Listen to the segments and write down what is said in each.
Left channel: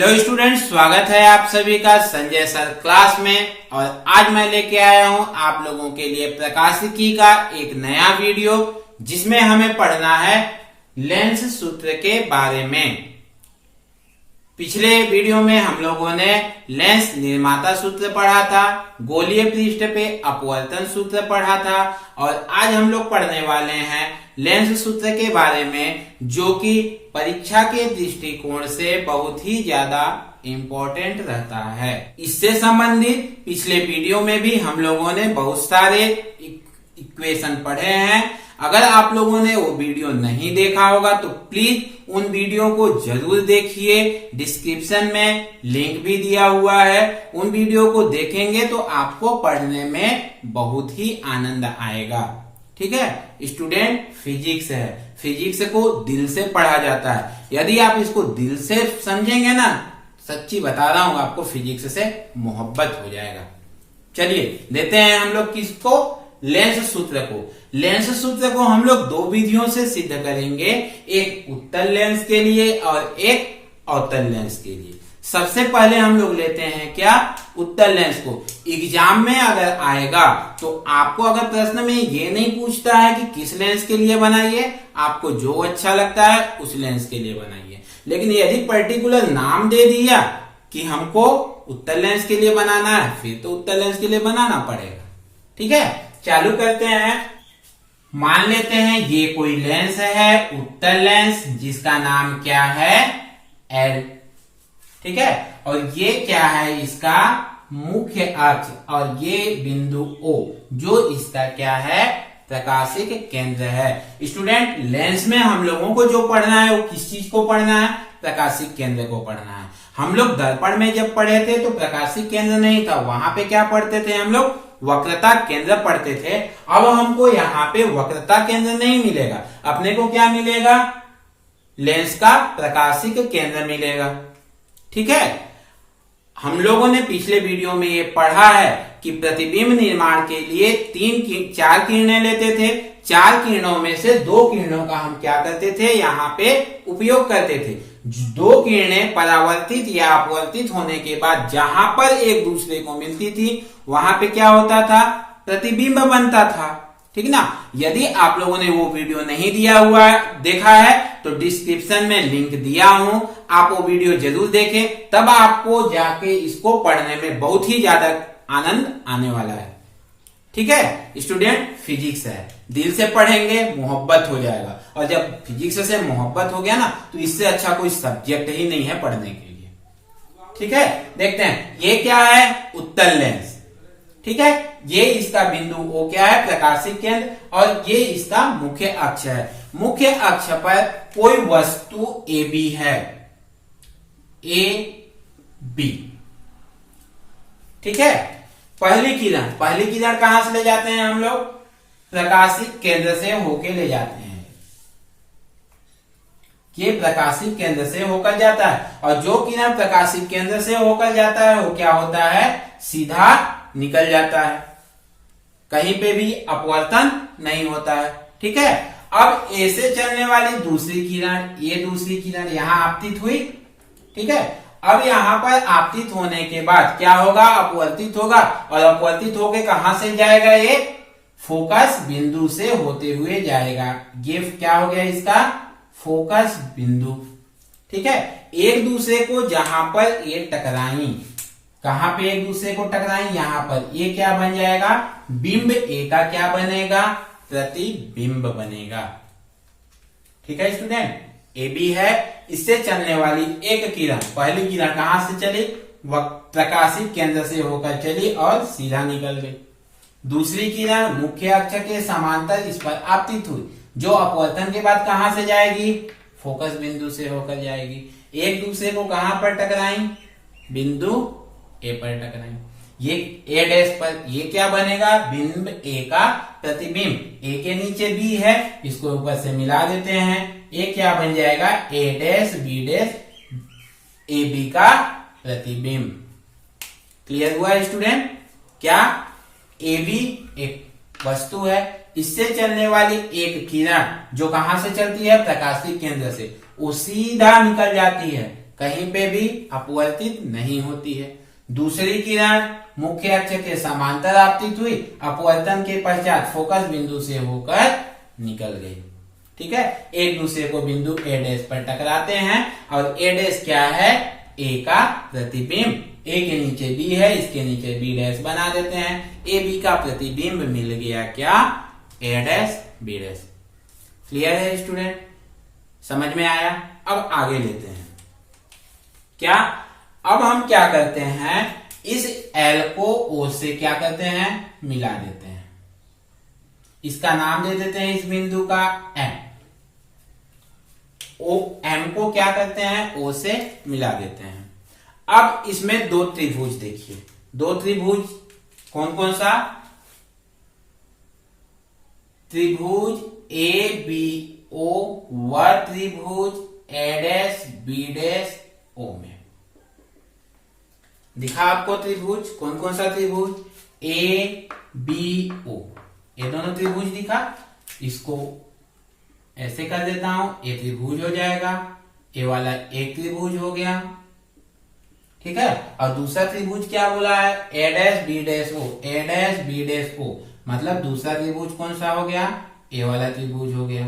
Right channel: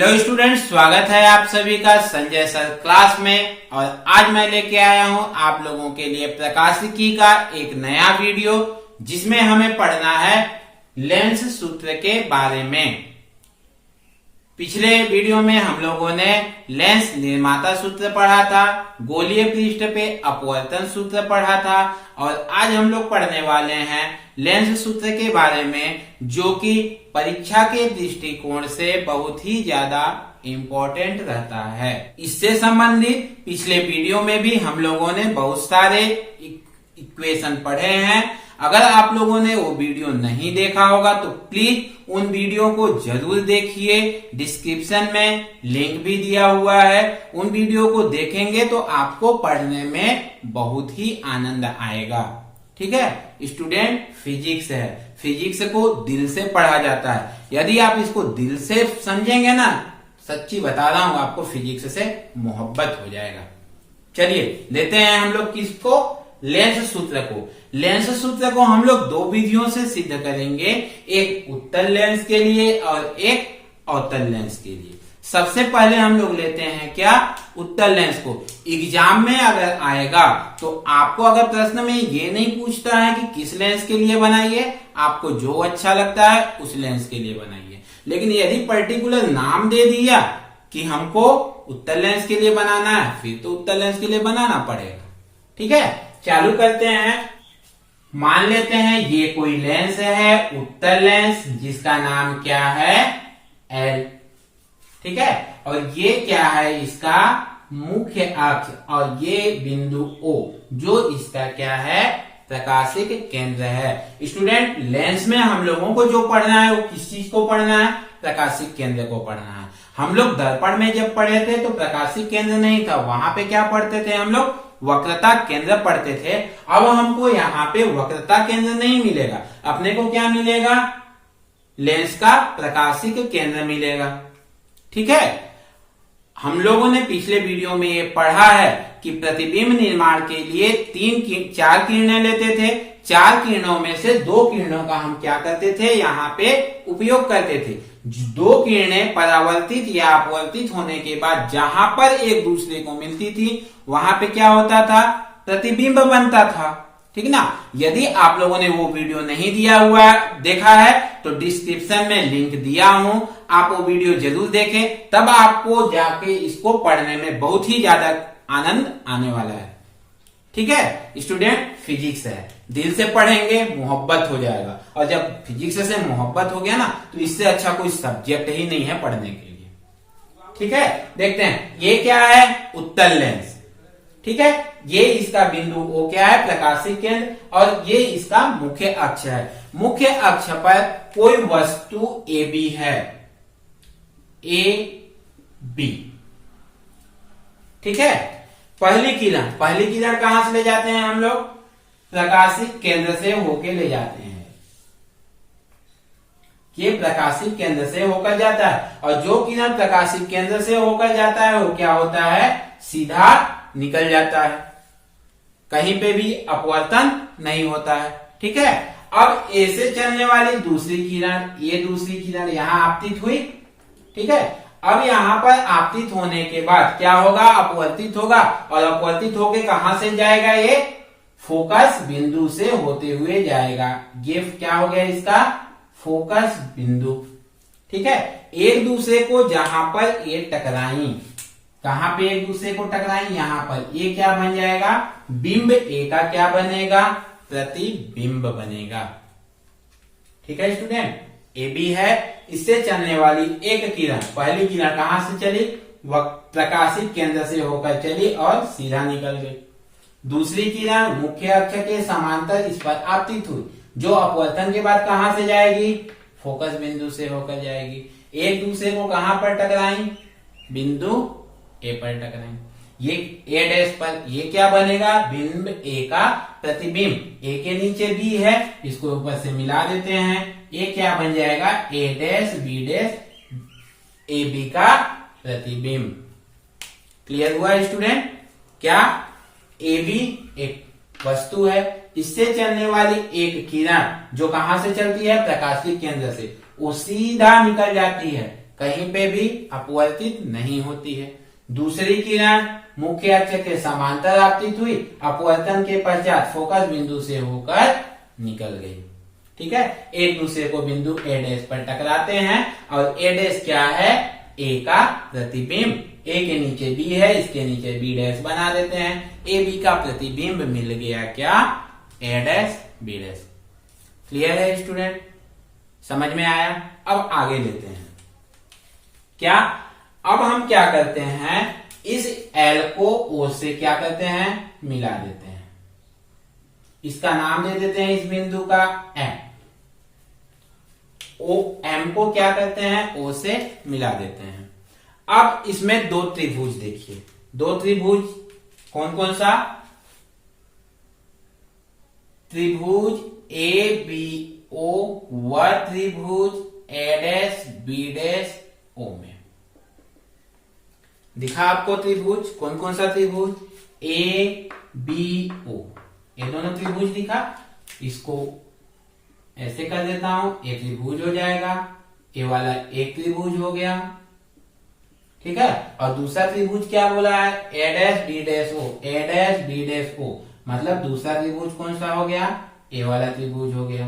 Hello students, स्वागत है आप सभी का संजय सर क्लास में। और आज मैं लेके आया हूं आप लोगों के लिए प्रकाशिकी का एक नया वीडियो, जिसमें हमें पढ़ना है लेंस सूत्र के बारे में। पिछले वीडियो में हम लोगों ने लेंस निर्माता सूत्र पढ़ा था, गोलीय पृष्ठ पे अपवर्तन सूत्र पढ़ा था, और आज हम लोग पढ़ने वाले हैं लेंस सूत्र के बारे में, जो कि परीक्षा के दृष्टिकोण से बहुत ही ज्यादा इम्पोर्टेंट रहता है। इससे संबंधित पिछले वीडियो में भी हम लोगों ने बहुत सारे इक्वेशन पढ़े हैं। अगर आप लोगों ने वो वीडियो नहीं देखा होगा तो प्लीज उन वीडियो को जरूर देखिए। डिस्क्रिप्शन में लिंक भी दिया हुआ है, उन वीडियो को देखेंगे तो आपको पढ़ने में बहुत ही आनंद आएगा। ठीक है स्टूडेंट, फिजिक्स है, फिजिक्स को दिल से पढ़ा जाता है। यदि आप इसको दिल से समझेंगे ना, सच्ची बता रहा हूं आपको फिजिक्स से मोहब्बत हो जाएगा। चलिए लेते हैं हम लोग किसको, लेंस सूत्र को। लेंस सूत्र को हम लोग दो विधियों से सिद्ध करेंगे, एक उत्तल लेंस के लिए और एक अवतल लेंस के लिए। सबसे पहले हम लोग लेते हैं क्या, उत्तल लेंस को। एग्जाम में अगर आएगा तो आपको अगर प्रश्न में ये नहीं पूछता है कि किस लेंस के लिए बनाइए, आपको जो अच्छा लगता है उस लेंस के लिए बनाइए। लेकिन यदि पर्टिकुलर नाम दे दिया कि हमको उत्तल लेंस के लिए बनाना है, फिर तो उत्तल लेंस के लिए बनाना पड़ेगा। ठीक है, चालू करते हैं। मान लेते हैं ये कोई लेंस है, उत्तल लेंस, जिसका नाम क्या है, एल। ठीक है, और ये क्या है, इसका मुख्य अक्ष, और ये बिंदु O, जो इसका क्या है, प्रकाशिक केंद्र है। स्टूडेंट, लेंस में हम लोगों को जो पढ़ना है वो किस चीज को पढ़ना है, प्रकाशिक केंद्र को पढ़ना है। हम लोग दर्पण में जब पढ़े थे तो प्रकाशिक केंद्र नहीं था, वहां पे क्या पढ़ते थे हम लोग, वक्रता केंद्र पढ़ते थे। अब हमको यहाँ पे वक्रता केंद्र नहीं मिलेगा, अपने को क्या मिलेगा, लेंस का प्रकाशिक केंद्र मिलेगा। ठीक है, हम लोगों ने पिछले वीडियो में ये पढ़ा है कि प्रतिबिंब निर्माण के लिए चार किरणें लेते थे। चार किरणों में से दो किरणों का हम क्या करते थे, यहाँ पे उपयोग करते थे। दो किरणें परावर्तित या अपवर्तित होने के बाद जहां पर एक दूसरे को मिलती थी, वहां पे क्या होता था, प्रतिबिंब बनता था। ठीक ना। यदि आप लोगों ने वो वीडियो नहीं दिया हुआ देखा है तो डिस्क्रिप्शन में लिंक दिया हूं, आप वो वीडियो जरूर देखें, तब आपको जाके इसको पढ़ने में बहुत ही ज्यादा आनंद आने वाला है। ठीक है स्टूडेंट, फिजिक्स है, दिल से पढ़ेंगे, मोहब्बत हो जाएगा। और जब फिजिक्स से मोहब्बत हो गया ना, तो इससे अच्छा कोई सब्जेक्ट ही नहीं है पढ़ने के लिए। ठीक है, देखते हैं ये क्या है, उत्तल लेंस। ठीक है, ये इसका बिंदु O क्या है, प्रकाशिक केंद्र, और ये इसका मुख्य अक्ष है। मुख्य अक्ष पर कोई वस्तु AB है, AB। ठीक है, पहली किरण कहां से ले जाते हैं हम लोग, प्रकाशिक केंद्र से होके ले जाते हैं। ये प्रकाशिक केंद्र से होकर जाता है, और जो किरण प्रकाशिक केंद्र से होकर जाता है वो क्या होता है, सीधा निकल जाता है, कहीं पे भी अपवर्तन नहीं होता है। ठीक है, अब A से चलने वाली दूसरी किरण, ये दूसरी किरण यहां आपतित हुई। ठीक है, अब यहां पर आपतित होने के बाद क्या होगा, अपवर्तित होगा, और अपवर्तित होके कहां से जाएगा, ये फोकस बिंदु से होते हुए जाएगा। ये क्या हो गया इसका, फोकस बिंदु। ठीक है, एक दूसरे को जहां पर ये टकराई, कहां पे एक दूसरे को टकराई, यहां पर, ये क्या बन जाएगा, बिंब A का क्या बनेगा, प्रतिबिंब बनेगा। ठीक है स्टूडेंट, AB है, इससे चलने वाली एक किरण, पहली किरण कहां से चली, वह प्रकाशिक केंद्र से होकर चली और सीधा निकल गई। दूसरी किरण मुख्य अक्ष के समांतर इस पर आपतित हुई, जो अपवर्तन के बाद कहां से जाएगी, फोकस बिंदु से होकर जाएगी। एक दूसरे को कहां पर टकराई, बिंदु A पर टकराई, ये A' पर, ये क्या बनेगा, बिंब A का प्रतिबिंब। A के नीचे B है, इसको ऊपर से मिला देते हैं, ये क्या बन जाएगा, A' B' AB का प्रतिबिंब। क्लियर हुआ स्टूडेंट, क्या AB एक वस्तु है, इससे चलने वाली एक किरण जो कहां से चलती है, प्रकाशिक केंद्र से, वो सीधा निकल जाती है, कहीं पे भी अपवर्तित नहीं होती है। दूसरी किरण मुख्य अक्ष के समांतर आपतित हुई, अपवर्तन के पश्चात फोकस बिंदु से होकर निकल गई। ठीक है, एक दूसरे को बिंदु ए डैश पर टकराते हैं और ए डैश क्या है, ए का प्रतिबिंब। ए के नीचे बी है, इसके नीचे बी डैश बना देते हैं, ए बी का प्रतिबिंब मिल गया क्या, ए डैश बी डैश। क्लियर है स्टूडेंट, समझ में आया। अब आगे लेते हैं क्या, अब हम क्या करते हैं, इस एल को ओ से क्या करते हैं, मिला देते हैं। इसका नाम दे देते हैं इस बिंदु का एम। ओ एम को क्या करते हैं, ओ से मिला देते हैं। अब इसमें दो त्रिभुज देखिए, दो त्रिभुज कौन कौन सा, त्रिभुज ए बी ओ व त्रिभुज ए डैश बी डैश ओ में दिखा आपको त्रिभुज, कौन कौन सा त्रिभुज, ए बी ओ, ये दोनों त्रिभुज दिखा। इसको ऐसे कर देता हूं, एक त्रिभुज हो जाएगा, ए वाला एक त्रिभुज हो गया। ठीक है, और दूसरा त्रिभुज क्या बोला है, ए डैश बी डैश ओ, ए डैश बी डैश ओ, मतलब दूसरा त्रिभुज कौन सा हो गया, ए वाला त्रिभुज हो गया।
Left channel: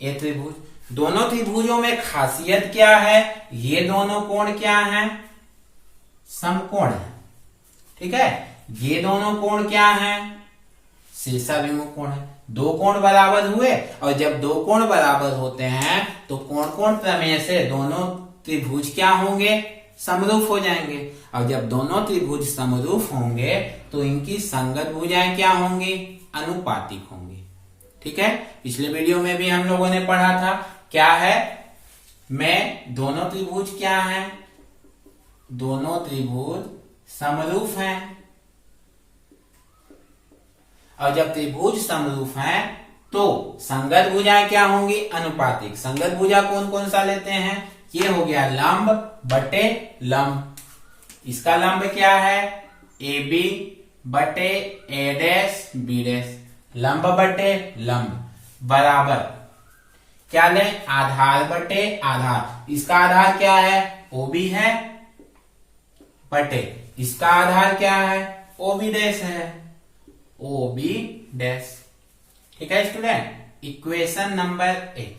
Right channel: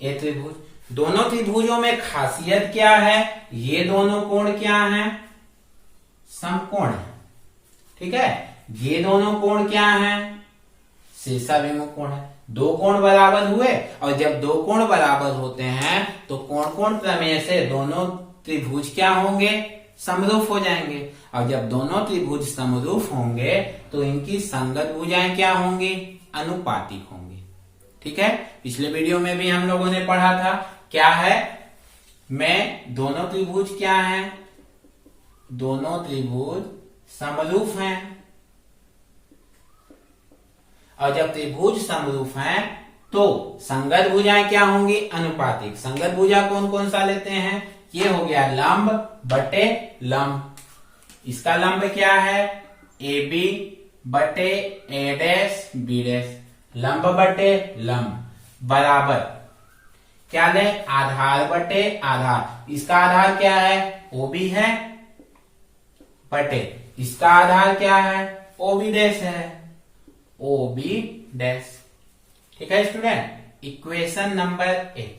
ए त्रिभुज, दोनों त्रिभुजों में खासियत क्या है, ये दोनों कोण क्या हैं, समकोण है। ठीक है, ये दोनों कोण क्या हैं, शीर्षाभिमुख कोण है। दो कोण बराबर हुए, और जब दो कोण बराबर होते हैं तो कोण कोण प्रमेय से दोनों त्रिभुज क्या होंगे, समरूप हो जाएंगे। और जब दोनों त्रिभुज समरूप होंगे तो इनकी संगत भुजाएं क्या होंगी, अनुपातिक होंगी। ठीक है, पिछले वीडियो में भी हम लोगों ने पढ़ा था, क्या है, मैं दोनों त्रिभुज क्या हैं, दोनों त्रिभुज समरूप हैं। और जब त्रिभुज समरूप हैं तो संगत भुजाएं क्या होंगी, अनुपातिक। संगत भुजा कौन कौन सा लेते हैं, ये हो गया लंब बटे लंब। इसका लंब क्या है, ए बी बटे ए डैश बी डैश, लंब बटे लंब बराबर क्या ले, आधार बटे आधार। इसका आधार क्या है, ओ बी है, बटे इसका आधार क्या है, ओ बी डैश है, ओ बी डैश। ठीक है स्टूडेंट, इक्वेशन नंबर 1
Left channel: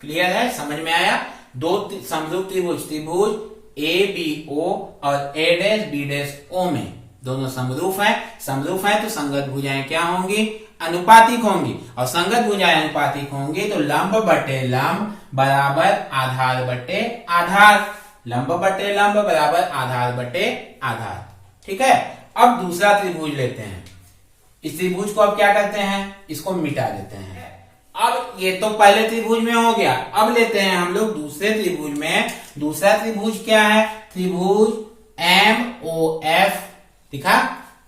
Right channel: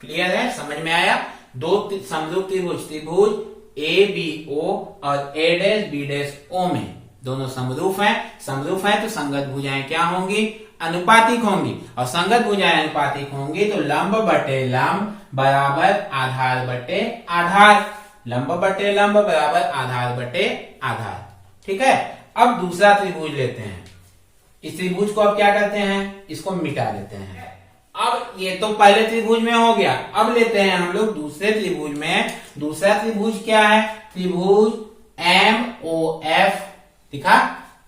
क्लियर है, समझ में आया। दो समरूप त्रिभुज, त्रिभुज ए बी ओ और ए डैश बी डैश ओ में दोनों समरूप है। समरूप है तो संगत भुजाएं क्या होंगी, अनुपातिक होंगी। और संगत भुजाएं अनुपातिक होंगी तो लंब बटे लंब बराबर आधार बटे आधार, लंब बटे लंब बराबर आधार बटे आधार। ठीक है, अब दूसरा त्रिभुज लेते हैं। इस त्रिभुज को अब क्या करते हैं, इसको मिटा देते हैं। अब ये तो पहले त्रिभुज में हो गया, अब लेते हैं हम लोग दूसरे त्रिभुज में। दूसरा त्रिभुज क्या है, त्रिभुज एम ओ एफ दिखा,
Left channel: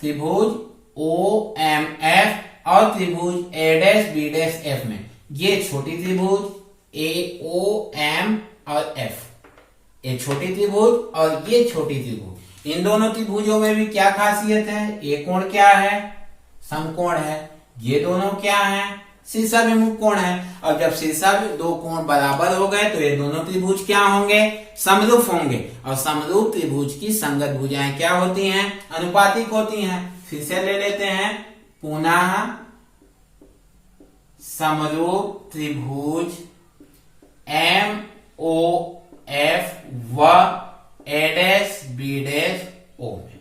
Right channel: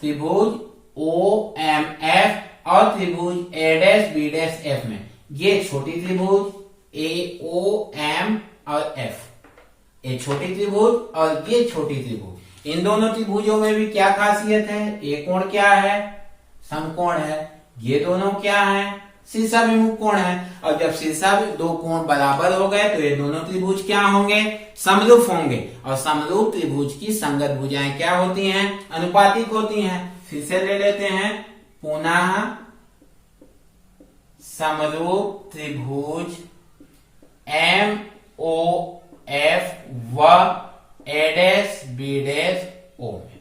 त्रिभुज ओ एम एफ और त्रिभुज ए डैश बी डैश एफ में ये छोटी त्रिभुज ए ओ एम और एफ, ये छोटी त्रिभुज और ये छोटी त्रिभुज। इन दोनों त्रिभुजों में भी क्या खासियत है, ये कोण क्या है, समकोण है। ये दोनों क्या है, शीर्षाभिमुख कोण है। और जब शीर्षा दो कोण बराबर हो गए तो ये दोनों त्रिभुज क्या होंगे, समरूप होंगे। और समरूप त्रिभुज की संगत भुजाएं क्या होती हैं, अनुपातिक होती हैं। फिर से ले लेते हैं, पुनः समरूप त्रिभुज एम ओ एफ व ए डैश बी डैश ओ में।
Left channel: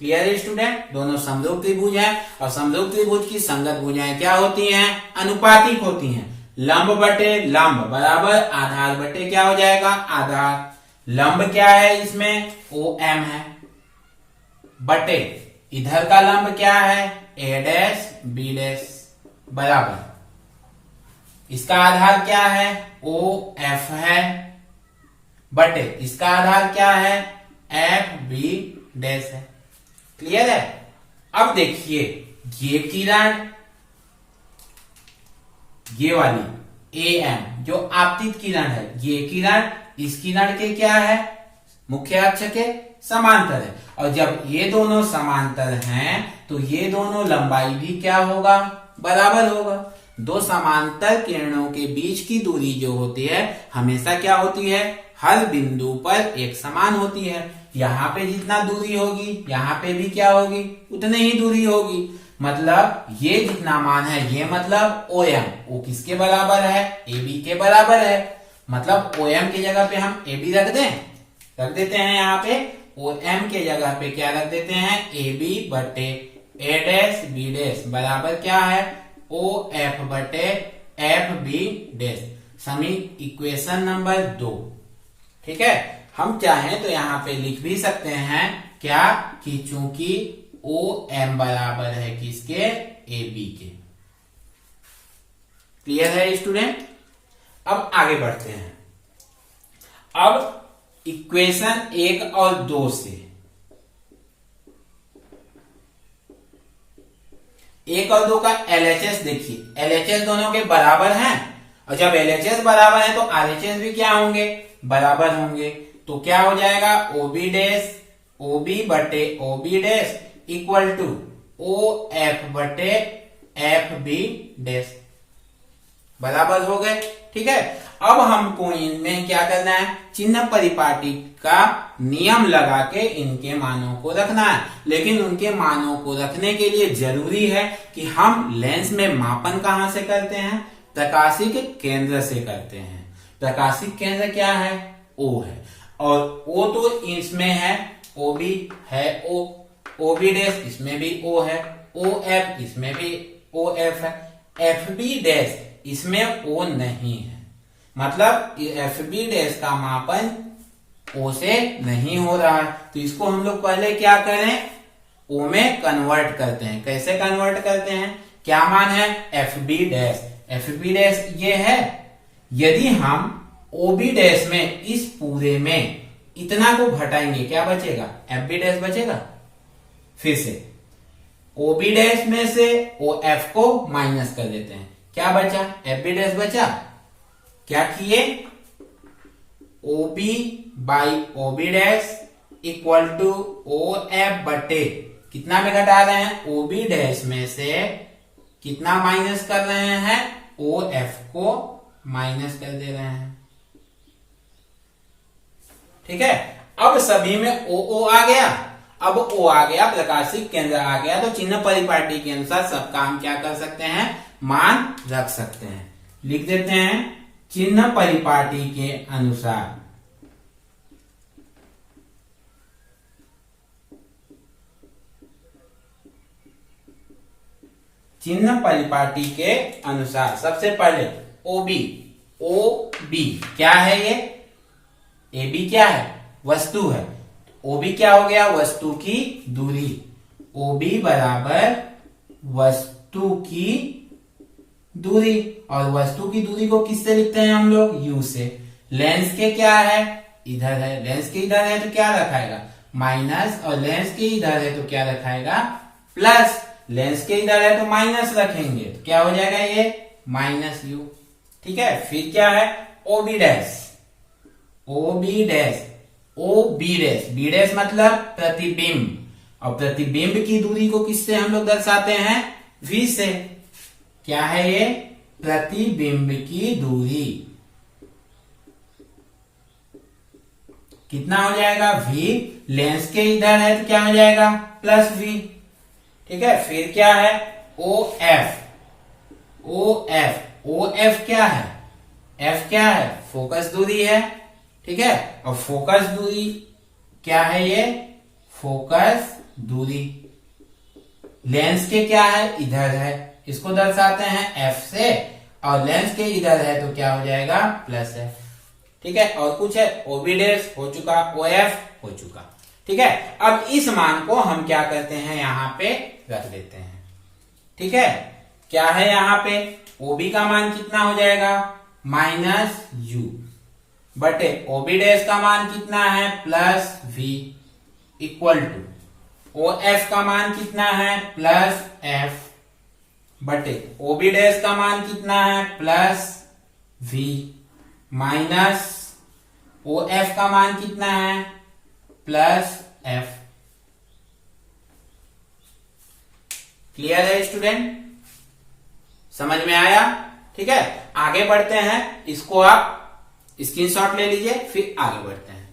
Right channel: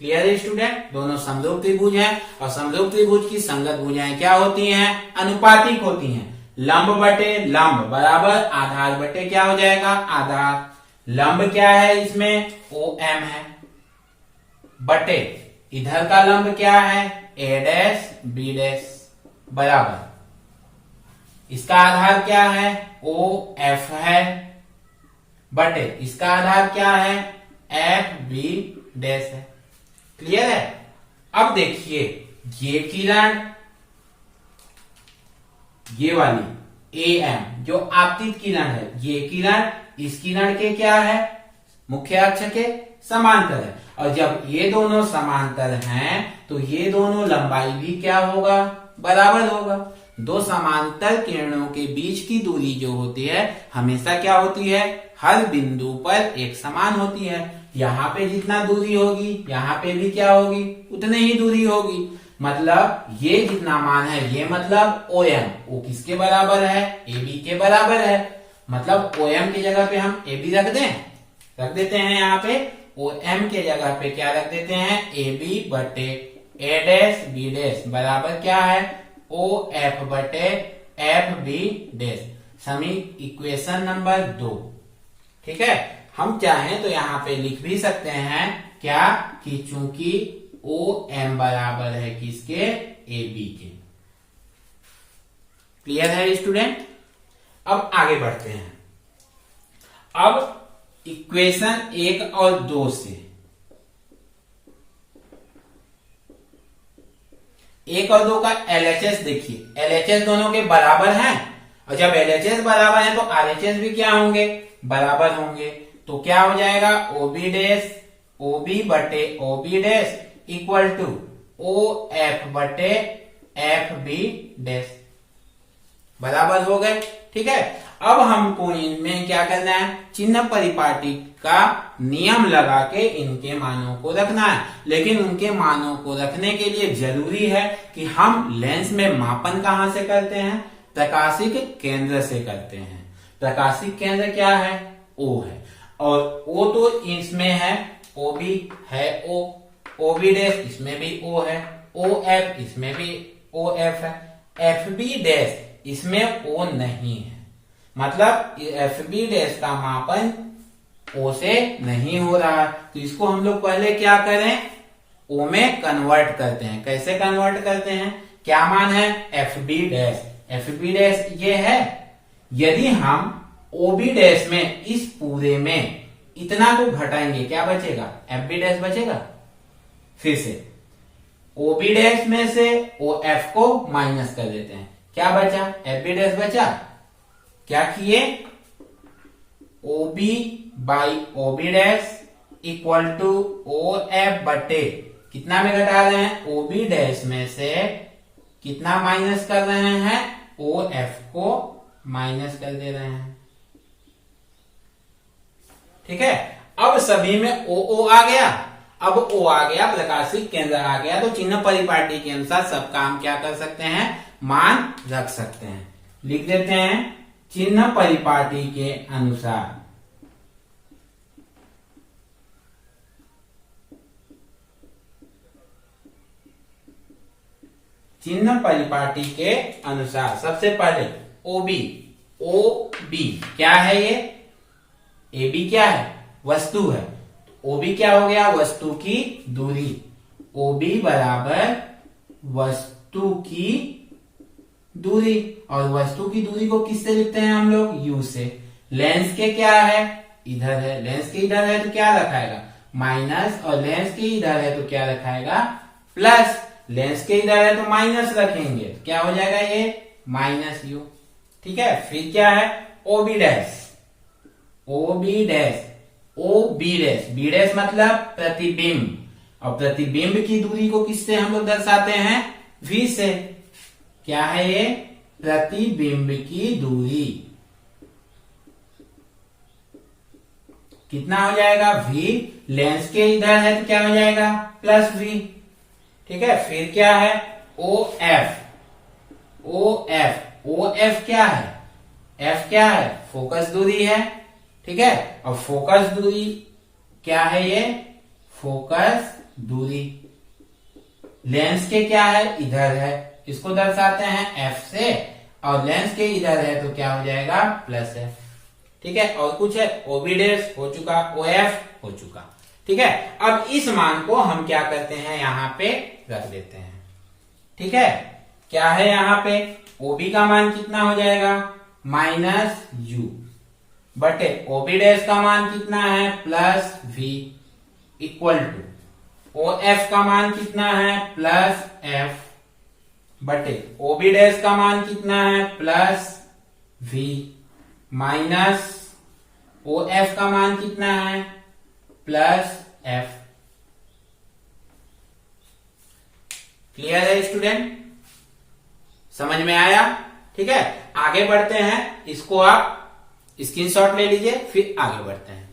क्लियर है स्टूडेंट, दोनों समरूप त्रिभुज हैं और समरूप त्रिभुज की संगत भुजाएं क्या होती हैं, अनुपातिक होती हैं। लंब बटे लंब बराबर आधार बटे क्या हो जाएगा, आधार। लंब क्या है इसमें, ओ एम है, बटे इधर का लंब क्या है, ए डैश बी डैश बराबर इसका आधार क्या है, ओ एफ है, बटे इसका आधार क्या है, एफ बी डैश है। क्लियर है। अब देखिए ये किरण, ये वाली ए एम जो आपतित किरण है, ये किरण इस किरण के क्या है, मुख्य अक्ष के समांतर है। और जब ये दोनों समांतर हैं तो ये दोनों लंबाई भी क्या होगा, बराबर होगा। दो समांतर किरणों के बीच की दूरी जो होती है हमेशा क्या होती है, हर बिंदु पर एक समान होती है। यहाँ पे जितना दूरी होगी यहाँ पे भी क्या होगी, उतनी ही दूरी होगी। मतलब ये जितना मान है ये मतलब OM, वो किसके बराबर है, AB के बराबर है। मतलब OM की जगह पे हम AB रख देते हैं। यहाँ पे OM के जगह पे क्या रख देते हैं, AB बटे A डैश B डैश बराबर क्या है, OF बटे FB डैश। समी इक्वेशन नंबर 2। ठीक है, हम चाहें तो यहाँ पे लिख भी सकते हैं क्या, कि चूंकि OM बराबर है किसके, AB के। क्लियर है स्टूडेंट। अब आगे बढ़ते हैं। अब इक्वेशन 1 और 2 से 1 और 2 का LHS देखिए, LHS दोनों के बराबर हैं और जब LHS बराबर है तो RHS भी क्या होंगे, बराबर होंगे। तो क्या हो जाएगा, OB डैश OB बटे OB dash equal to OF बटे FB डैश, बराबर हो गए। ठीक है, अब हमको इनमें क्या करना है, चिन्ह परिपाटी का नियम लगा के इनके मानों को रखना है। लेकिन उनके मानों को रखने के लिए जरूरी है कि हम लेंस में मापन कहां से करते हैं, प्रकाशिक केंद्र से करते हैं। प्रकाशिक केंद्र क्या है, O है, और O तो इसमें है, OB है O, OB डैश इसमें भी O है, OF इसमें भी OF है, FB डैश इसमें O नहीं है। मतलब FB डैश का मापन O से नहीं हो रहा है, तो इसको हम लोग पहले क्या करें, O में कन्वर्ट करते हैं। कैसे कन्वर्ट करते हैं, क्या मान है, FB डैश। FB डैश ये है, यदि हम OB डैश में इस पूरे में इतना को घटाएंगे क्या बचेगा, FB डैश बचेगा। फिर से OB डैश में से OF को माइनस कर देते हैं, क्या बचा, FB डैश बचा। क्या किए, OB by OB dash equal to OF बटे कितना में घटा रहे हैं, OB डैश में से कितना माइनस कर रहे हैं, OF को माइनस कर दे रहे हैं। ठीक है, अब सभी में OO आ गया। अब O आ गया, प्रकाशिक केंद्र आ गया, तो चिन्ह परिपाटी के अनुसार सबका हम क्या कर सकते हैं, मान रख सकते हैं। लिख देते हैं, चिन्ह परिपाटी के अनुसार चिन्ह परिपाटी के अनुसार सबसे पहले OB क्या है, ये AB क्या है, वस्तु है। OB क्या हो गया, वस्तु की दूरी। OB बराबर वस्तु की दूरी, और वस्तु की दूरी को किससे लिखते हैं हम लोग, U से। लेंस के क्या है, इधर है, लेंस के इधर है तो क्या रखाएगा, माइनस, और लेंस के इधर है तो क्या रखाएगा, प्लस। लेंस के इधर है तो माइनस रखेंगे तो क्या हो जाएगा, ये माइनस U। ठीक है, फिर क्या है, OB डैश B डैश मतलब प्रतिबिंब, और प्रतिबिंब की दूरी को किससे हम लोग दर्शाते हैं, V से। क्या है ये, प्रतिबिंब की दूरी। कितना हो जाएगा, V। लेंस के इधर है तो क्या हो जाएगा, प्लस V। ठीक है, फिर क्या है, OF क्या है, F क्या है, फोकस दूरी है। ठीक है, और फोकस दूरी क्या है, ये फोकस दूरी लेंस के क्या है, इधर है, इसको दर्शाते हैं F से, और लेंस के इधर है तो क्या हो जाएगा, प्लस है। ठीक है, और कुछ है, OB डैश हो चुका, OF हो चुका। ठीक है, अब इस मान को हम क्या करते हैं, यहां पे रख देते हैं। ठीक है, क्या है यहाँ पे, OB का मान कितना हो जाएगा, माइनस U बटे OB डैश का मान कितना है, plus V equal to OF का मान कितना है, प्लस F बटे OB डैश का मान कितना है, प्लस V माइनस OF का मान कितना है, प्लस एफ। क्लियर है स्टूडेंट? समझ में आया? ठीक है, आगे बढ़ते हैं। इसको आप स्क्रीनशॉट ले लीजिए, फिर आगे बढ़ते हैं।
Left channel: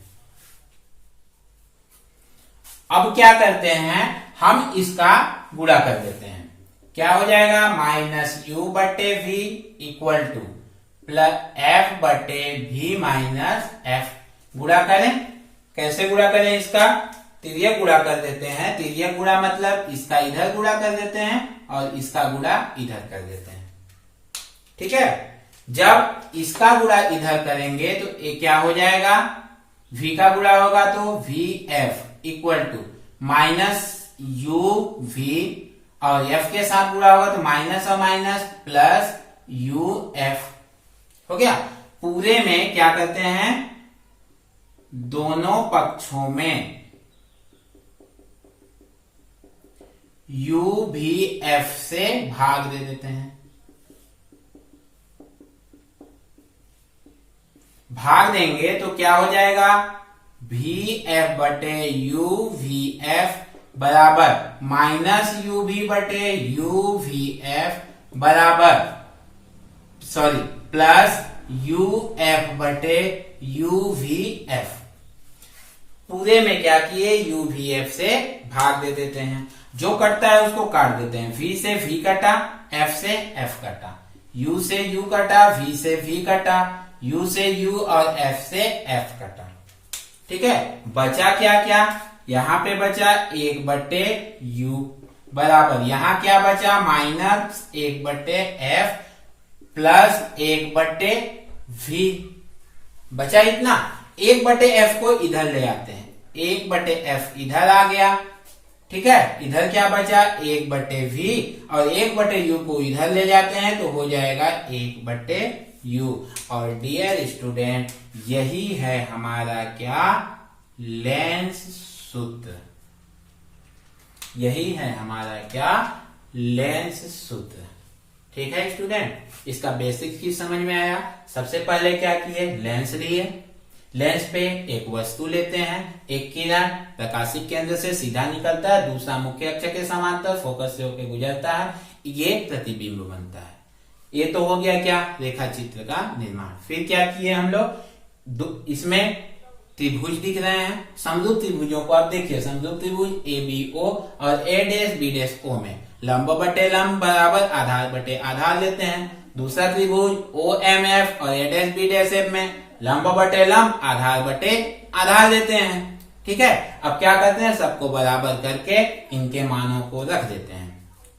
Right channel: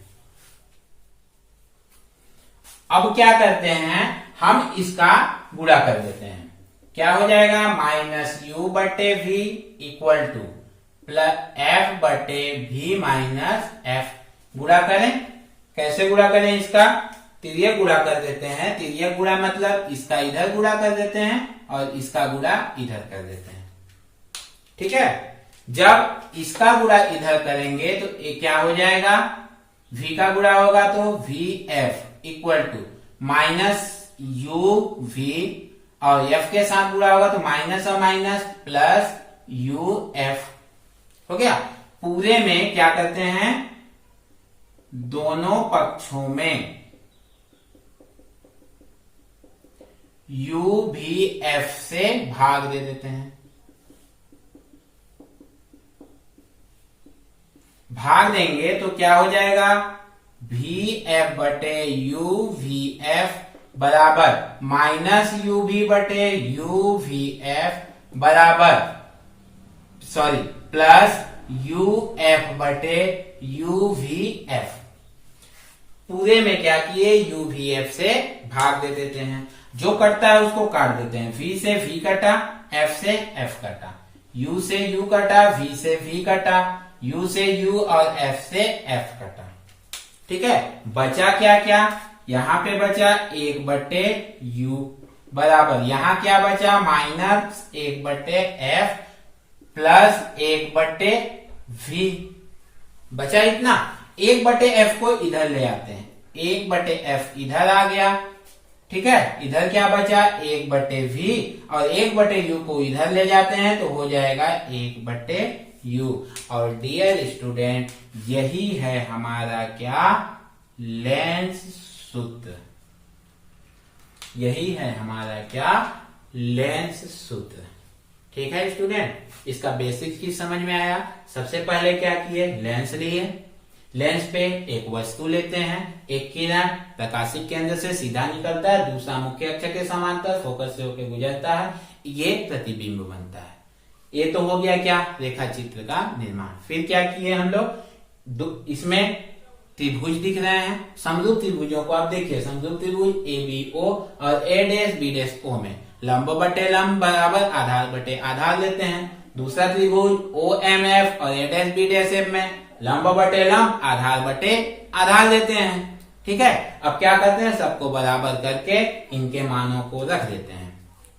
अब क्या करते हैं, हम इसका गुणा कर देते हैं। क्या हो जाएगा, माइनस यू बटे V equal to plus F बटे वी माइनस एफ। गुणा करें, कैसे गुणा करें, इसका तिर्यक गुणा कर देते हैं। तिर्यक गुणा मतलब इसका इधर गुणा कर देते हैं और इसका गुणा इधर कर देते हैं। ठीक है, जब इसका गुणा इधर करेंगे तो ये क्या हो जाएगा, v का गुणा होगा तो V F equal to minus U V, और f के साथ गुणा होगा तो माइनस और माइनस प्लस यू एफ। हो गया। पूरे में क्या करते हैं, दोनों पक्षों में u भी f से भाग दे देते हैं। भाग देंगे तो क्या हो जाएगा, वी एफ बटे यू वी एफ बराबर माइनस यू भी बटे यू वी एफ बराबर प्लस यू एफ बटे यू वी एफ। पूरे में क्या किए, यू वी एफ से भाग दे देते हैं। जो कटता है उसको काट देते हैं। v से v कटा, f से f कटा, u से u कटा, v से v कटा, u से u और f से f कटा। ठीक है, बचा क्या क्या, यहां पे बचा 1 बटे u बराबर, यहां क्या बचा, माइनस 1 बटे f प्लस 1 बटे v। बचा इतना। 1 बटे f को इधर ले आते हैं, 1 बटे f इधर आ गया। ठीक है, इधर क्या बचा, 1 बटे वी, और 1 बटे यू को इधर ले जाते हैं तो हो जाएगा 1 बटे यू। और डियर स्टूडेंट, यही है हमारा क्या, लेंस सूत्र। यही है हमारा क्या, लेंस सूत्र। ठीक है स्टूडेंट, इसका बेसिक चीज समझ में आया। सबसे पहले क्या किए, लेंस लिए। लेंस पे एक वस्तु लेते हैं, एक किरण प्रकाशिक केंद्र से सीधा निकलता है, दूसरा मुख्य अक्ष के समांतर फोकस से होकर गुजरता है, ये प्रतिबिंब बनता है। ये तो हो गया क्या, रेखा चित्र का निर्माण। फिर क्या किए हम लोग, इसमें त्रिभुज दिख रहे हैं, समरूप त्रिभुजों को आप देखिए, समरूप त्रिभुज ए बी ओ और ए डैश बी डैश ओ में लंब बटे लंब बराबर आधार बटे आधार लेते हैं। दूसरा त्रिभुज ओ एम एफ और ए डैश बी डैश एफ में लंब बटे लंब आधार बटे आधार लेते हैं। ठीक है, अब क्या करते हैं, सबको बराबर करके इनके मानों को रख देते हैं।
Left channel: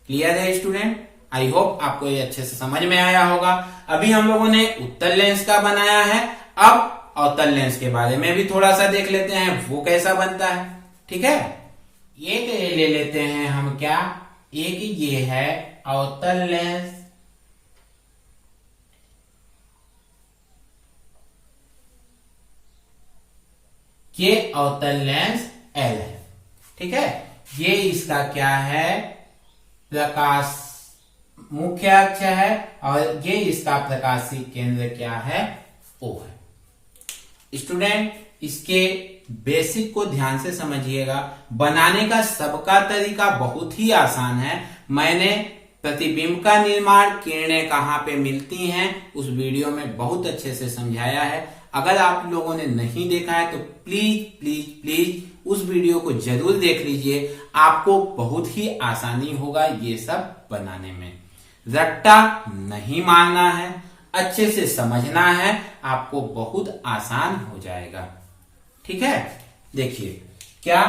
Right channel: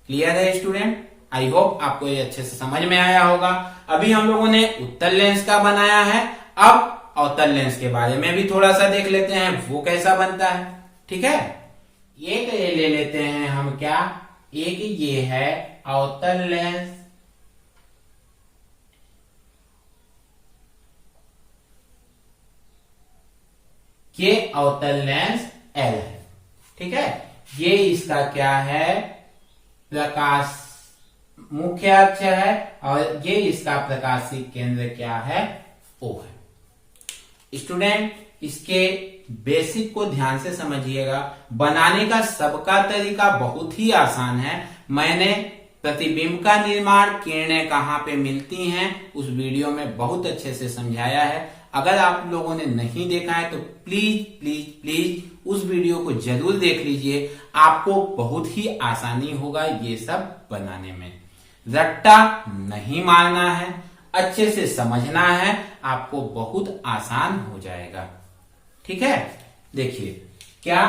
क्लियर है स्टूडेंट? आई होप आपको ये अच्छे से समझ में आया होगा। अभी हम लोगों ने उत्तल लेंस का बनाया है, अब अवतल लेंस के बारे में भी थोड़ा सा देख लेते हैं, वो कैसा बनता है। ठीक है, एक ये ले लेते हैं हम, क्या, एक ये है अवतल लेंस, ये अवतल लेंस L है। ठीक है, ये इसका क्या है, प्रकाश मुख्य अक्ष है, और ये इसका प्रकाशिक केंद्र क्या है, O है। स्टूडेंट, इसके बेसिक को ध्यान से समझिएगा। बनाने का सबका तरीका बहुत ही आसान है। मैंने प्रतिबिंब का निर्माण, किरणें कहाँ पे मिलती हैं, उस वीडियो में बहुत अच्छे से समझाया है। अगर आप लोगों ने नहीं देखा है तो प्लीज प्लीज प्लीज उस वीडियो को जरूर देख लीजिए, आपको बहुत ही आसानी होगा ये सब बनाने में। रट्टा नहीं मारना है, अच्छे से समझना है, आपको बहुत आसान हो जाएगा। ठीक है, देखिए क्या,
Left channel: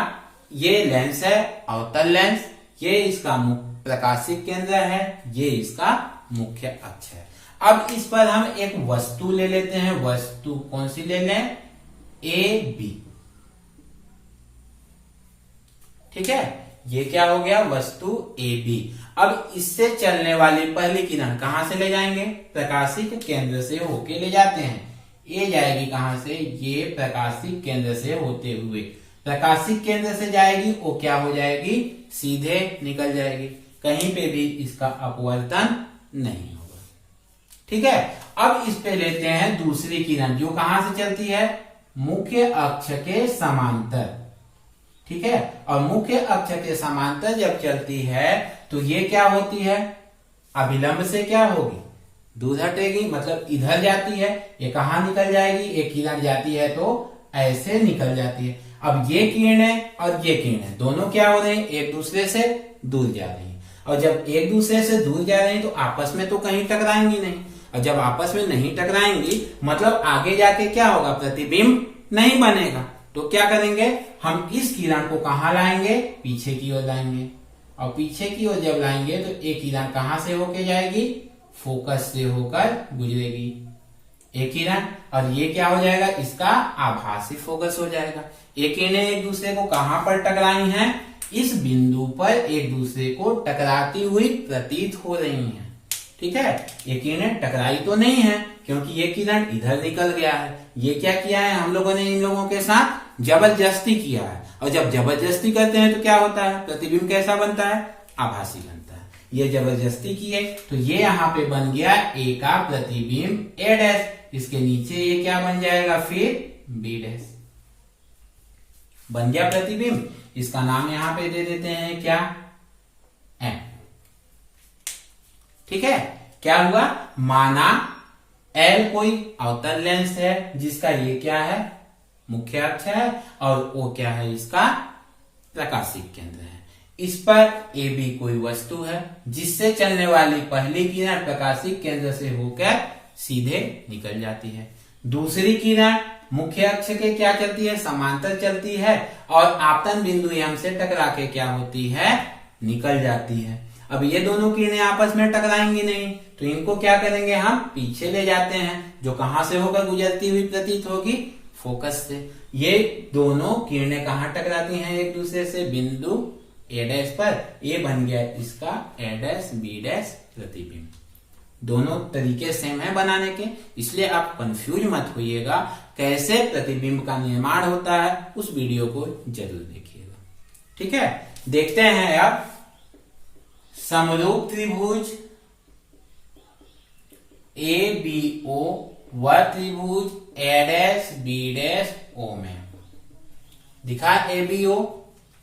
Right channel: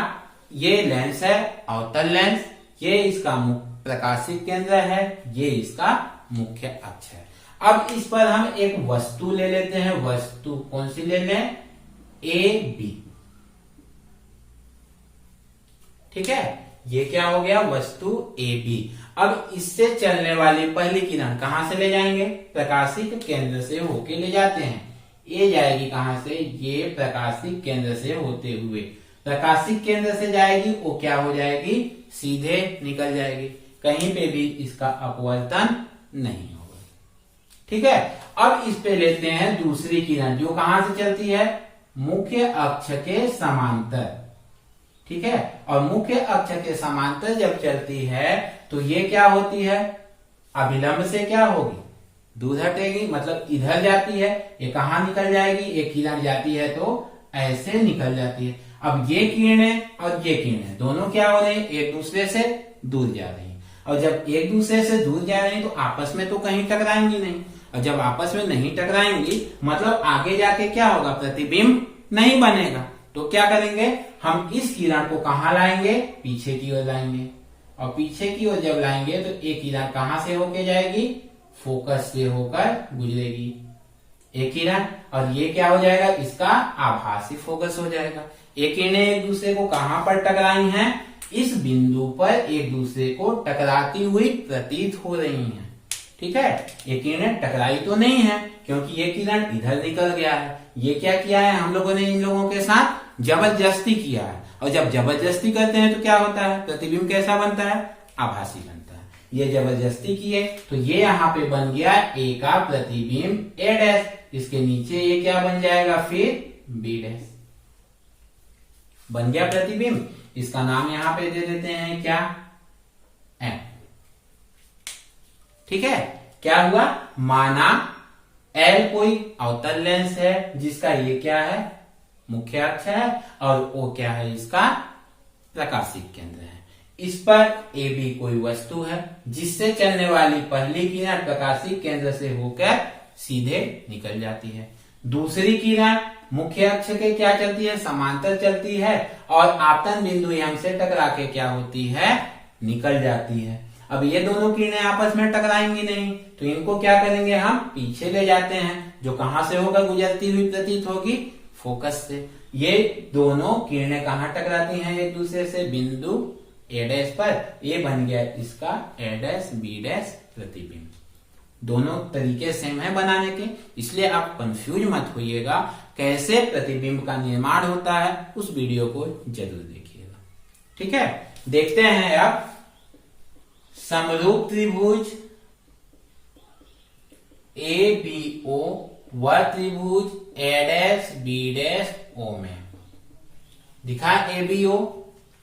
ये लेंस है अवतल लेंस, ये इसका प्रकाशिक केंद्र है, ये इसका मुख्य अक्ष है। अब इस पर हम एक वस्तु ले लेते हैं। वस्तु कौन सी ले लें, ए बी। ठीक है, ये क्या हो गया, वस्तु ए बी। अब इससे चलने वाली पहली किरण कहां से ले जाएंगे, प्रकाशिक केंद्र से होके ले जाते हैं। ये जाएगी कहां से, ये प्रकाशिक केंद्र से होते हुए प्रकाशिक केंद्र से जाएगी, वो क्या हो जाएगी, सीधे निकल जाएगी, कहीं पे भी इसका अपवर्तन नहीं होगा। ठीक है, अब इस पे लेते हैं दूसरी किरण, जो कहां से चलती है, मुख्य अक्ष के समांतर। ठीक है। और मुख्य अक्ष के समांतर जब चलती है तो ये क्या होती है, अभिलंब से क्या होगी, दूर हटेगी, मतलब इधर जाती है। ये कहाँ निकल जाएगी, एक किरण जाती है तो ऐसे निकल जाती है। अब ये किरणें और ये किरणें दोनों क्या हो रही हैं, एक दूसरे से दूर जा रही हैं। और जब एक दूसरे से दूर जा रही हैं तो आपस में तो कहीं टकराएंगी नहीं। और जब आपस में नहीं टकराएंगी मतलब आगे जाके क्या होगा, प्रतिबिंब नहीं बनेगा। तो क्या करेंगे, हम इस किरण को कहाँ लाएंगे, पीछे की ओर लाएंगे। और पीछे की ओर जब लाएंगे तो एक किरण कहाँ से होके जाएगी, फोकस से होकर गुजरेगी एक किरण। और ये क्या हो जाएगा, इसका आभासी फोकस हो जाएगा। एक किरणें एक दूसरे को कहां पर टकराई हैं, इस बिंदु पर एक दूसरे को टकराती हुई प्रतीत हो रही हैं। ठीक है, ये किरणें टकराई तो नहीं है क्योंकि ये किरण इधर निकल गया है। ये क्या किया है, हम लोगों ने इन लोगों के साथ जबरदस्ती किया है। और जब जबरदस्ती करते हैं तो क्या होता है, प्रतिबिंब कैसा बनता है, आभासी बनता है। ये जबरदस्ती किए तो ये यहाँ पे बन गया ए का प्रतिबिंब ए डैश, इसके नीचे ये क्या बन जाएगा फिर बी डैश, बन गया प्रतिबिंब। इसका नाम यहाँ पे दे देते हैं क्या, एम। ठीक है, क्या हुआ, माना एल कोई अवतल लेंस है जिसका ये क्या है, मुख्य अक्ष है, और ओ क्या है, इसका प्रकाशिक केंद्र है। इस पर ए बी कोई वस्तु है जिससे चलने वाली पहली किरण प्रकाशिक केंद्र से होकर सीधे निकल जाती है। दूसरी किरण मुख्य अक्ष के क्या चलती है, समांतर चलती है और आपतन बिंदु एम से टकरा के क्या होती है, निकल जाती है। अब ये दोनों किरणें आपस में टकराएंगी नहीं तो इनको क्या करेंगे, हम पीछे ले जाते हैं, जो कहां से होकर गुजरती हुई प्रतीत होगी, फोकस से। ये दोनों किरणें कहां टकराती हैं एक दूसरे से, बिंदु ए डैश पर। ये बन गया इसका ए डैश बी डैश प्रतिबिंब। दोनों तरीके सेम है बनाने के, इसलिए आप कंफ्यूज मत होइएगा। कैसे प्रतिबिंब का निर्माण होता है उस वीडियो को जरूर देखिएगा। ठीक है, देखते हैं अब समरूप त्रिभुज ए बी ओ व त्रिभुज ए डैश बी डैश ओ में। दिखा ए बी ओ,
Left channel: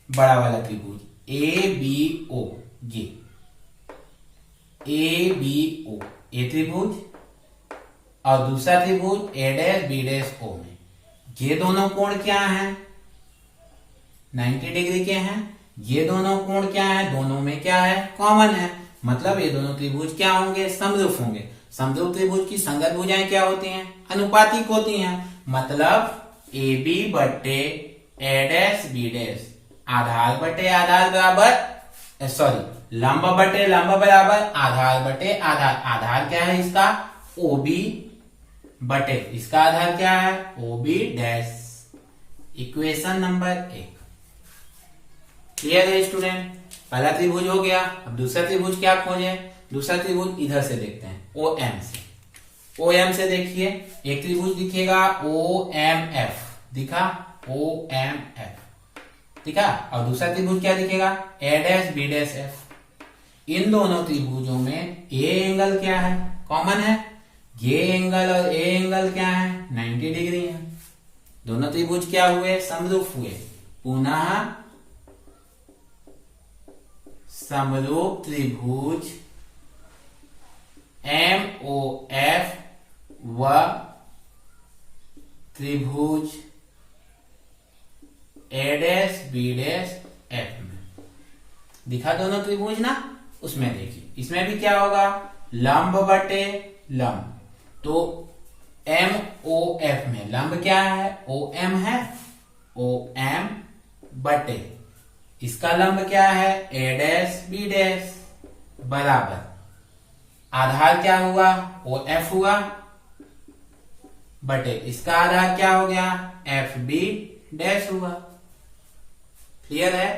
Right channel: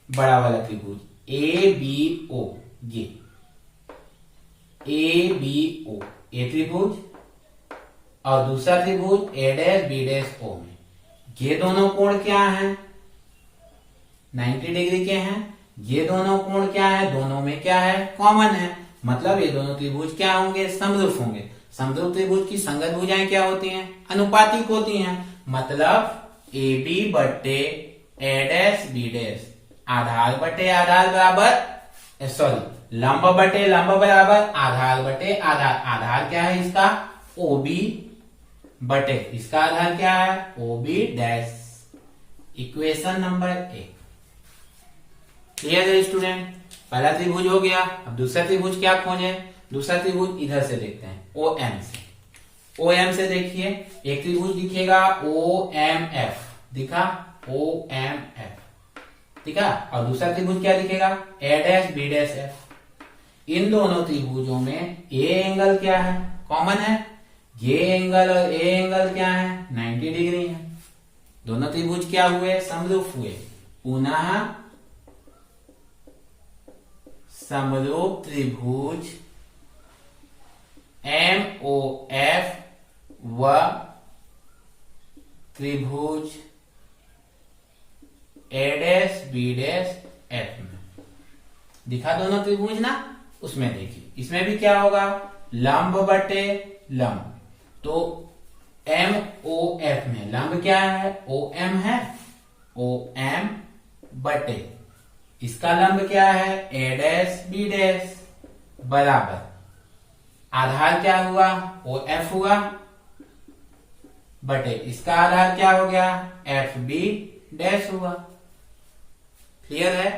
बड़ा वाला त्रिभुज ए बी ओ, ये ए बी ओ ए त्रिभुज, और दूसरा त्रिभुज ए डैश बी डैश ओ में। ये दोनों कोण क्या हैं, 90 डिग्री के हैं। ये दोनों कोण क्या है, दोनों में क्या है, कॉमन है। मतलब ये दोनों त्रिभुज क्या होंगे, समरूप होंगे। समरूप त्रिभुज की संगत भुजाएं क्या होती हैं, अनुपातिक होती हैं। मतलब ए बी बटे ए डैश बी डैश, आधार बटे आधार बराबर, सॉरी लंब बटे लंब बराबर आधार बटे आधार। आधार क्या है इसका, ओ बी बटे इसका आधार क्या है, O B dash. Equation number 1 clear है स्टूडेंट। पहला त्रिभुज हो गया। अब दूसरा त्रिभुज क्या खोजें, दूसरा त्रिभुज इधर से देखते हैं, ओ एम से। ओ एम से देखिए, एक त्रिभुज दिखेगा ओ एम एफ, दिखा ओ एम एफ, ठीक है। और दूसरा त्रिभुज क्या दिखेगा, ए डैश बी डैश एफ। इन दोनों त्रिभुजों में ए एंगल क्या है, कॉमन है। ये एंगल और ए एंगल क्या है, 90 डिग्री है। दोनों त्रिभुज क्या हुए, समरूप हुए। पुनः समरूप त्रिभुज एम ओ एफ व त्रिभुज ए डैश बी डैश एफ में। दिखा दोनों त्रिभुज ना, उसमें देखिए इसमें भी क्या होगा, लंब बटे लंब। तो एम ओ एफ में लंब क्या है, ओ एम है, ओ एम बटे इसका लंब क्या है, ए डैश बी डैश बराबर आधार क्या हुआ, ओ एफ हुआ, बटे इसका आधार क्या हो गया, एफ बी डैश हुआ। क्लियर है।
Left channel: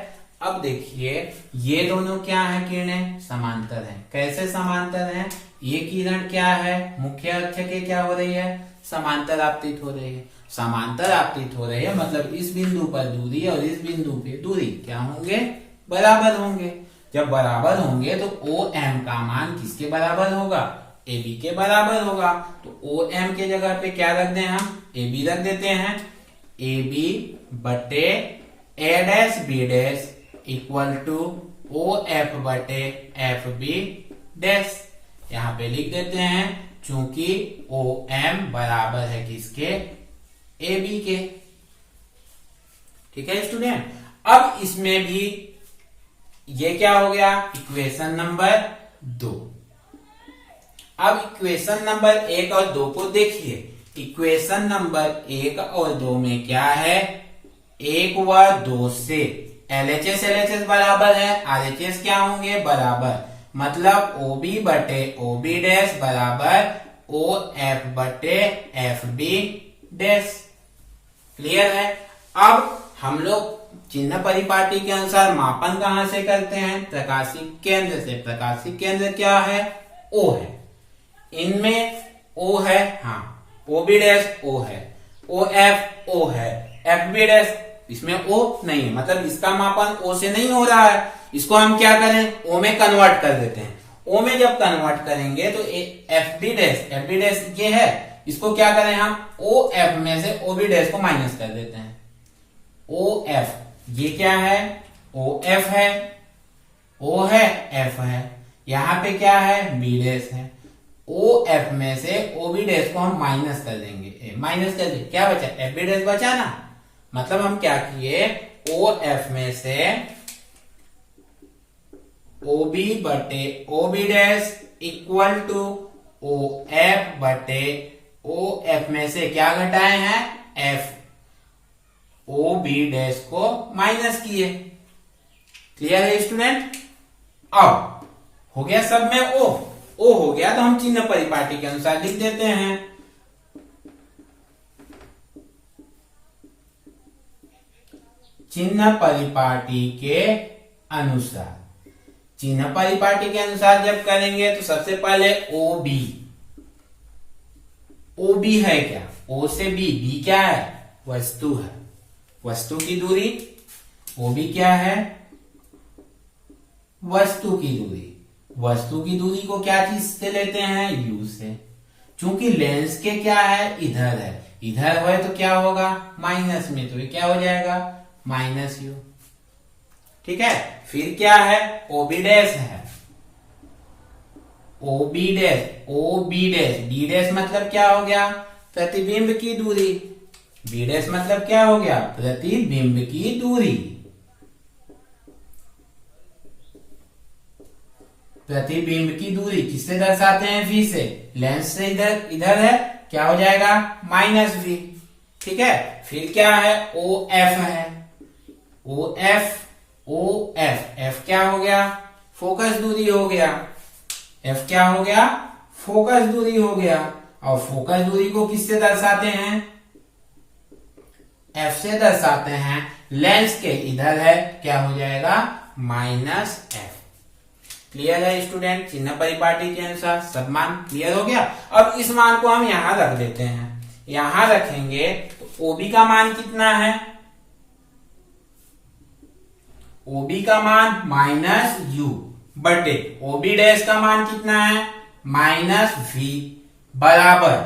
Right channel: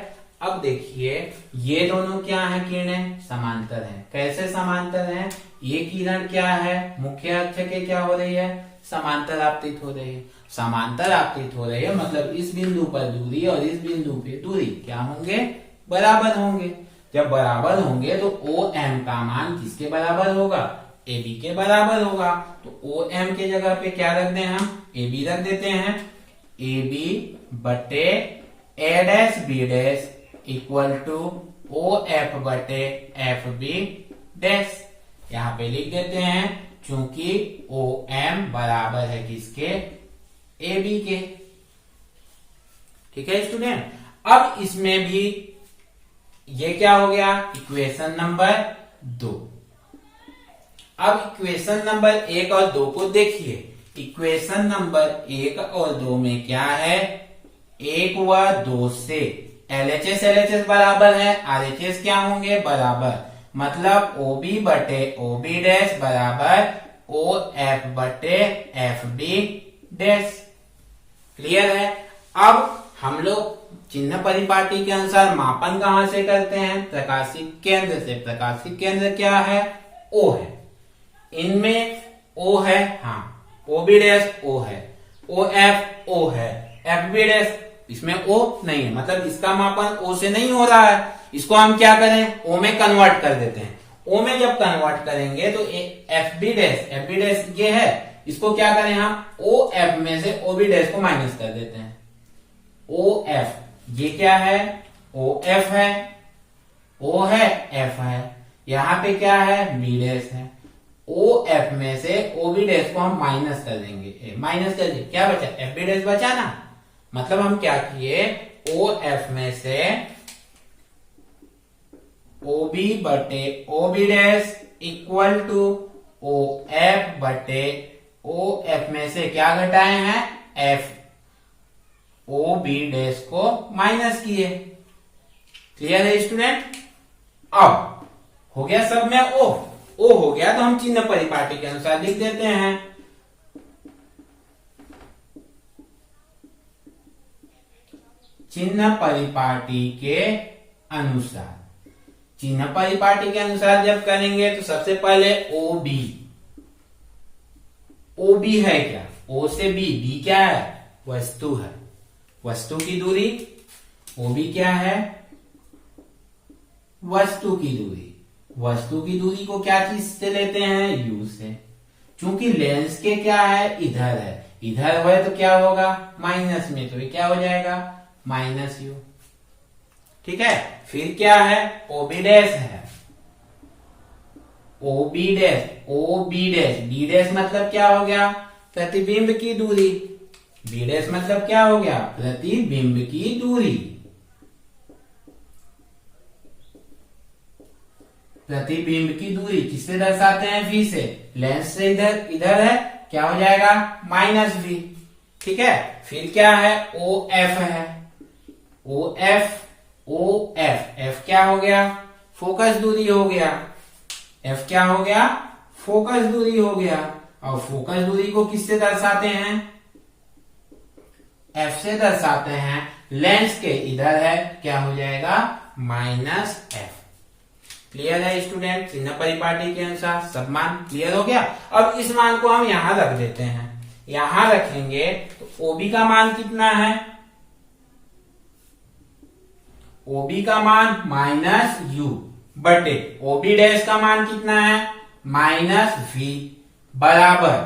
अब देखिए ये दोनों क्या है, किरणें समांतर हैं। कैसे समांतर हैं, ये किरण क्या है, मुख्य अक्ष के क्या हो रही है, समांतर आपतित हो रही है। समांतर आपतित हो रही है मतलब इस बिंदु पर दूरी और इस बिंदु पे दूरी क्या होंगे, बराबर होंगे। जब बराबर होंगे तो ओ एम का मान किसके बराबर होगा, ए बी के बराबर होगा। तो ओ एम के जगह पे क्या रख दें हम, ए बी रख देते हैं। ए बी बटे A dash B dash equal to O F बटे एफ बी डैश। यहां पे लिख देते हैं चूंकि ओ एम बराबर है किसके, ए बी के। ठीक है स्टूडेंट, अब इसमें भी ये क्या हो गया, इक्वेशन नंबर 2। अब इक्वेशन नंबर 1 और 2 को देखिए। इक्वेशन नंबर 1 और 2 में क्या है, 1 व 2 से LHS LHS बराबर है, RHS क्या होंगे बराबर, मतलब OB बटे OB डैश बराबर OF बटे FB डैश। क्लियर है। अब हम लोग चिन्ह परिपाटी के अनुसार मापन कहां से करते हैं, प्रकाशिक केंद्र से। प्रकाशिक केंद्र क्या है, O है। इनमें O है, हाँ OB डैश O है, OF O है, FB डैश इसमें O नहीं है, मतलब इसका मापन O से नहीं हो रहा है। इसको हम क्या करें, O में कन्वर्ट कर देते हैं। O में जब कन्वर्ट करेंगे तो FB डैश ये है, इसको क्या करें हम, OF में से OB डैश को माइनस कर देते हैं। OF ये क्या है, OF है, O है, F है, यहां पे क्या है, B डैश है। OF में से OB डैश को हम माइनस कर देंगे, माइनस कर दिए, क्या बचा, FB डैश बचा ना। मतलब हम क्या किए, OF में से OB बटे OB dash equal to OF बटे OF में से क्या घटाए हैं, F, OB डैश को माइनस किए। क्लियर है स्टूडेंट। अब हो गया सब में O हो गया, तो हम चिन्ह परिपाटी के अनुसार लिख देते हैं। चिन्ह परिपाटी के अनुसार, चिन्ह परिपाटी के अनुसार जब करेंगे तो सबसे पहले OB है क्या, O से B क्या है, वस्तु है, वस्तु की दूरी। OB क्या है, वस्तु की दूरी। वस्तु की दूरी को क्या चीज से लेते हैं, U से। चूंकि लेंस के क्या है, इधर है, इधर है तो क्या होगा, माइनस में, तो ये क्या हो जाएगा, माइनस U। ठीक है। फिर क्या है, OB डैश है, OB डैश B डैश मतलब क्या हो गया, प्रतिबिंब की दूरी। B डैश मतलब क्या हो गया, प्रतिबिंब की दूरी। प्रतिबिंब की दूरी किससे दर्शाते हैं, V से। लेंस से इधर है, क्या हो जाएगा, माइनस V। ठीक है। फिर क्या है, OF है, OF क्या हो गया, फोकस दूरी हो गया। F क्या हो गया, फोकस दूरी हो गया। और फोकस दूरी को किससे दर्शाते हैं, F से दर्शाते हैं। लेंस के इधर है, क्या हो जाएगा, माइनस F। क्लियर है स्टूडेंट। चिन्ह परिपाटी के अनुसार सब मान क्लियर हो गया। अब इस मान को हम यहां रख देते हैं। यहां रखेंगे तो OB का मान कितना है, OB का मान माइनस U बटे OB डैश का मान कितना है, माइनस V बराबर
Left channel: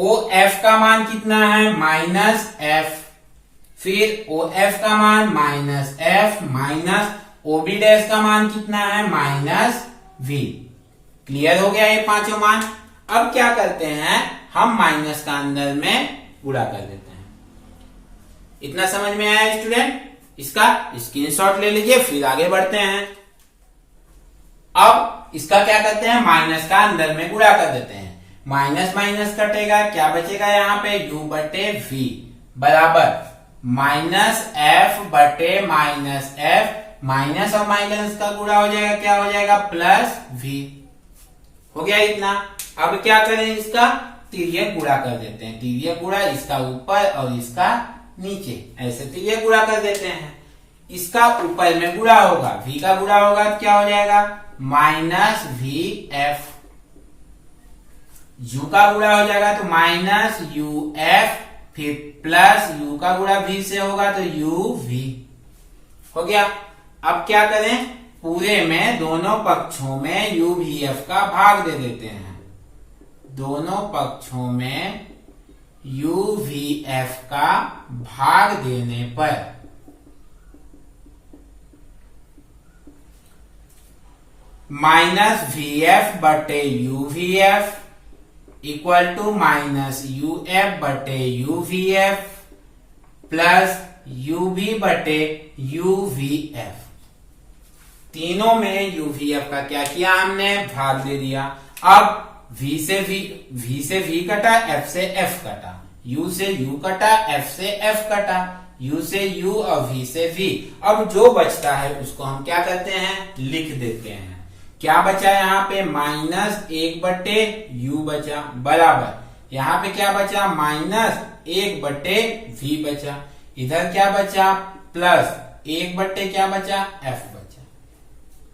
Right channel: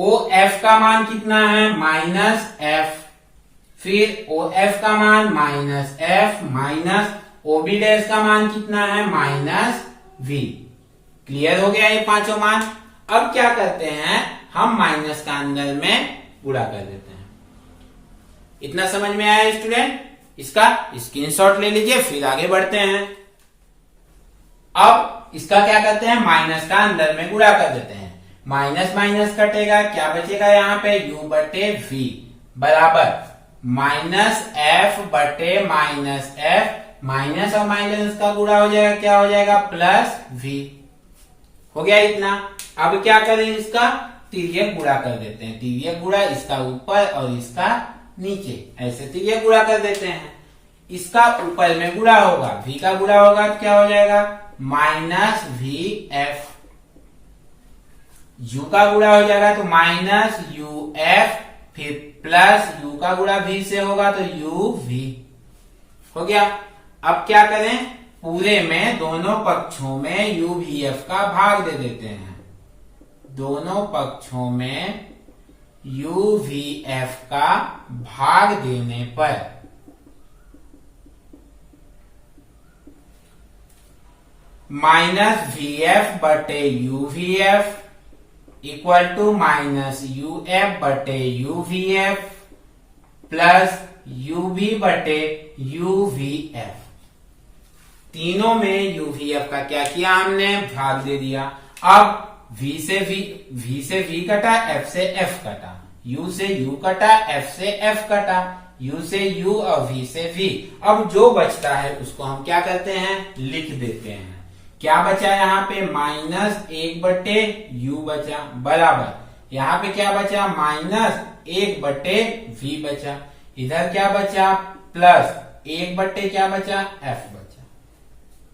OF का मान कितना है, माइनस F। फिर OF का मान minus F minus OB dash का मान कितना है, माइनस V। क्लियर हो गया ये पांचों मान। अब क्या करते हैं, हम माइनस का अंदर में गुणा कर देते हैं। इतना समझ में आया स्टूडेंट। इसका स्क्रीनशॉट ले लीजिए, फिर आगे बढ़ते हैं। अब इसका क्या करते हैं, माइनस का अंदर में गुणा कर देते हैं। माइनस माइनस कटेगा, क्या बचेगा यहाँ पे, U बटे V बराबर माइनस F बटे माइनस F। माइनस और माइनस का गुणा हो जाएगा, क्या हो जाएगा, प्लस V। हो गया इतना। अब क्या करें, इसका तिर्यक गुणा कर देते हैं। तिर्यक गुणा, इसका ऊपर और इसका नीचे, ऐसे तिर्यक गुणा कर देते हैं। इसका ऊपर में गुणा होगा, V का गुणा होगा तो क्या हो जाएगा, माइनस VF। U का गुणा हो जाएगा तो माइनस UF, फिर प्लस U का गुणा V से होगा तो UV। हो गया। अब क्या करें, पूरे में दोनों पक्षों में UVF का भाग दे देते हैं। दोनों पक्षों में UVF का भाग देने पर माइनस वी एफ बटे U V F equal to minus U F बटे U V F plus U B बटे यू वी एफ। तीनों में यू वी एफ का क्या किया हमने, भाग दे दिया। अब v से v कटा, f से f कटा, u से u कटा, f से f कटा, u से u और v से v। अब जो बचता है उसको हम क्या करते हैं, लिख देते हैं। क्या बचा यहाँ पे, माइनस 1 बटे u बचा, बराबर यहाँ पे क्या बचा, माइनस 1 बटे v बचा, इधर क्या बचा, प्लस 1 बटे क्या बचा, f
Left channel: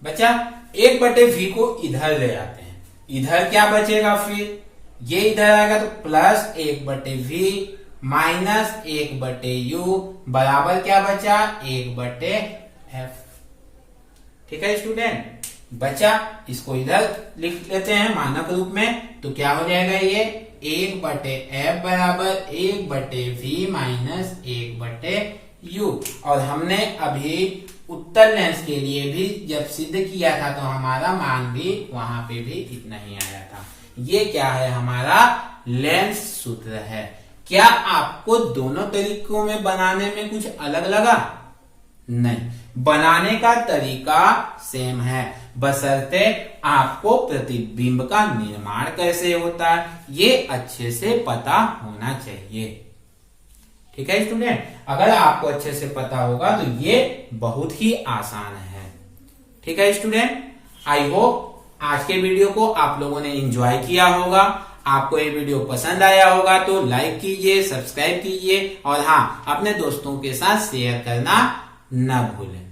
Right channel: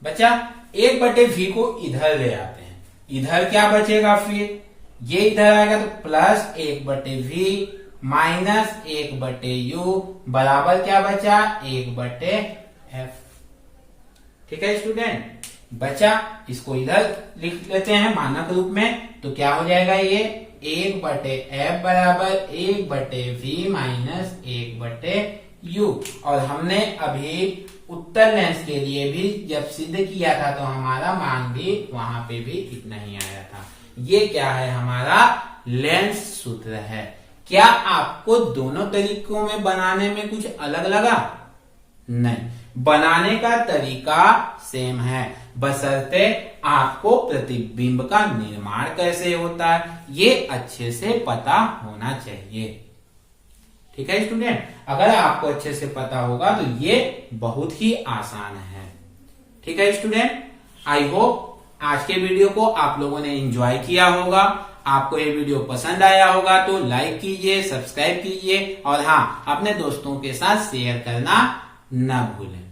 बचा 1 बटे v को इधर ले आते हैं, इधर क्या बचेगा, फिर ये इधर आएगा तो प्लस 1 बटे v माइनस 1 बटे u बराबर क्या बचा, 1 बटे f। ठीक है स्टूडेंट, बचा, इसको इधर लिख लेते हैं मानक रूप में, तो क्या हो जाएगा, ये 1 बटे f बराबर 1 बटे v माइनस 1 बटे u। और हमने अभी उत्तर लेंस के लिए भी जब सिद्ध किया था तो हमारा मान भी वहां पे भी इतना ही आया था। ये क्या है, हमारा लेंस सूत्र है। क्या आपको दोनों तरीकों में बनाने में कुछ अलग लगा? नहीं, बनाने का तरीका सेम है, बशर्ते आपको प्रतिबिंब का निर्माण कैसे होता है ये अच्छे से पता होना चाहिए। ठीक है स्टूडेंट, अगर आपको अच्छे से पता होगा तो ये बहुत ही आसान है। ठीक है स्टूडेंट, आई होप आज के वीडियो को आप लोगों ने एंजॉय किया होगा। आपको ये वीडियो पसंद आया होगा तो लाइक कीजिए, सब्सक्राइब कीजिए और हाँ, अपने दोस्तों के साथ शेयर करना न भूलें।